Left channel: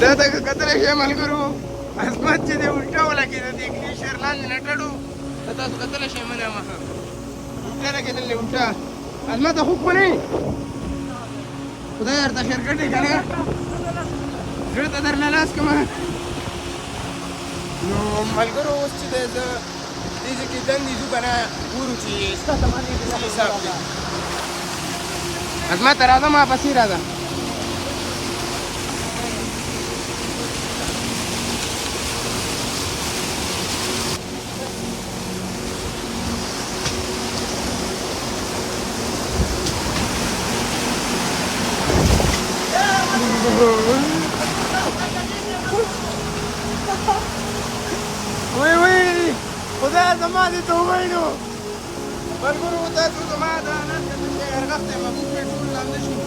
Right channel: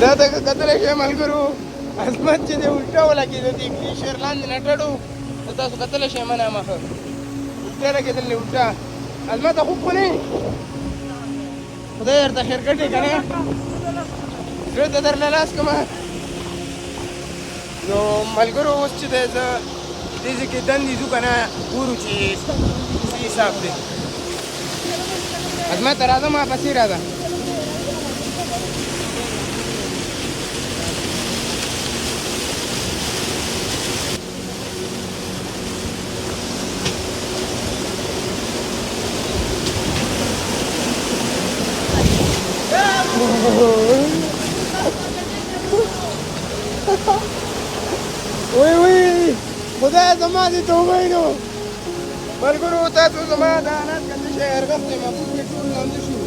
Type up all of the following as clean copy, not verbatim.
دا د کتل شي ملګرو عظمت چې دی الټا ولګېده د ګلیشر لاندې نه ټړو دا تاسو کتلی شئ منه مخه الټا لګېدلې الټا عظمته خوب خو نه خدای درته خیر کړي که نه زړه ته درله لاس کړمه نو ملګرو اوس چې دی زه دې ځای کې دندې ځو که نه ګورو چې ستاسو باندې د څه حساب دی عظمته راځه ما پسې راځه وای وای خدای زما دې توبه نو ملګرو تاسو زما د انس کنده شهر غفتې محبوب پې ټول لانده شو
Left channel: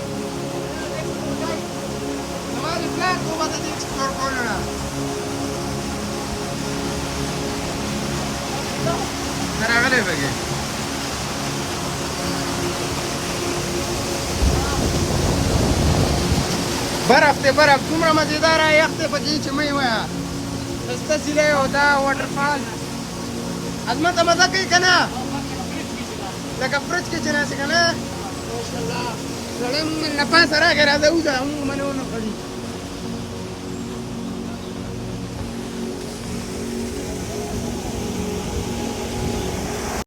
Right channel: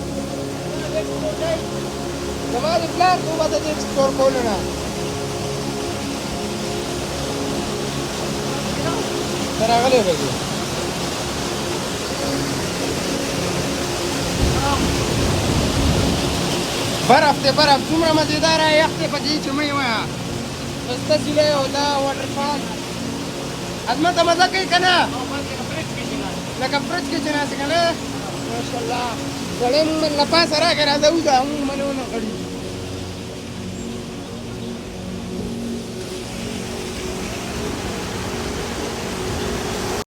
زما د پلار توبه د دې ایکسپلور کولو نه ته راغلی پکې برف دی برف دومره مزېداره یخ دی پکې چې مه یې وایه ښایسته سیلۍ او دا واټرفال عظمته مزه کوي که نه لکه فرج کې چې ناستې که نه ماشاءالله سړی مونږ له پاسه راکړې راځه وځه مونږ